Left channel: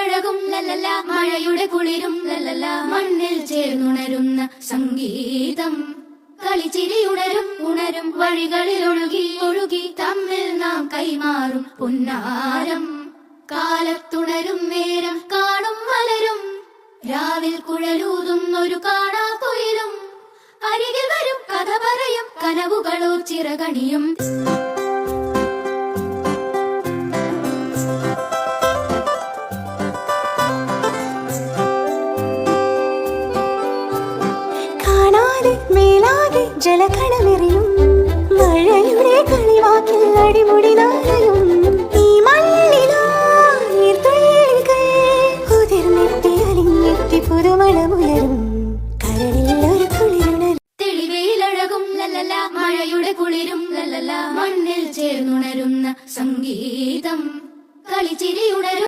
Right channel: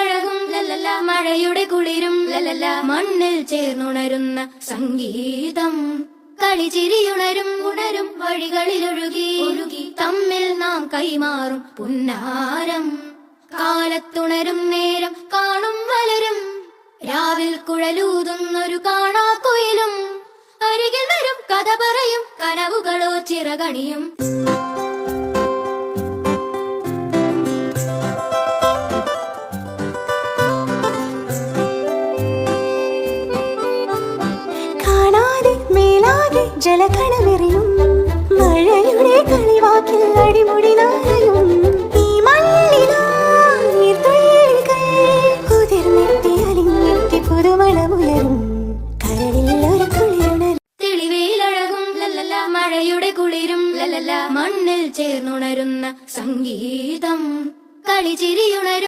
കാറ്റിലഴകും ലല്ലല, മഴയുടെ കുളിരും ലല്ലല, മണ്ണിൽ ചേർന്നുണരുന്ന സംഗീതം. കളിച്ചിരിയുണരും ഉണരും വഴികളിൽ ഒഴുകി ഒഴുകി തമ്മിൽ നാം കൈമാറും പുന്നാരം. കാലത്തുണരും നേരം കാണും മലരും, രാവിൽ കുഴലൂതുന്നൊരു കാണാക്കുയിലും. അരികിൽ വരും കഥ പറയും കനവുകളോ ചിറകണിയും. കാണാതെ മേലാകെ ജലകണമെറിയും, മഴയുടെ കളിവാക്കിൽ അടിമുടി നാളയും.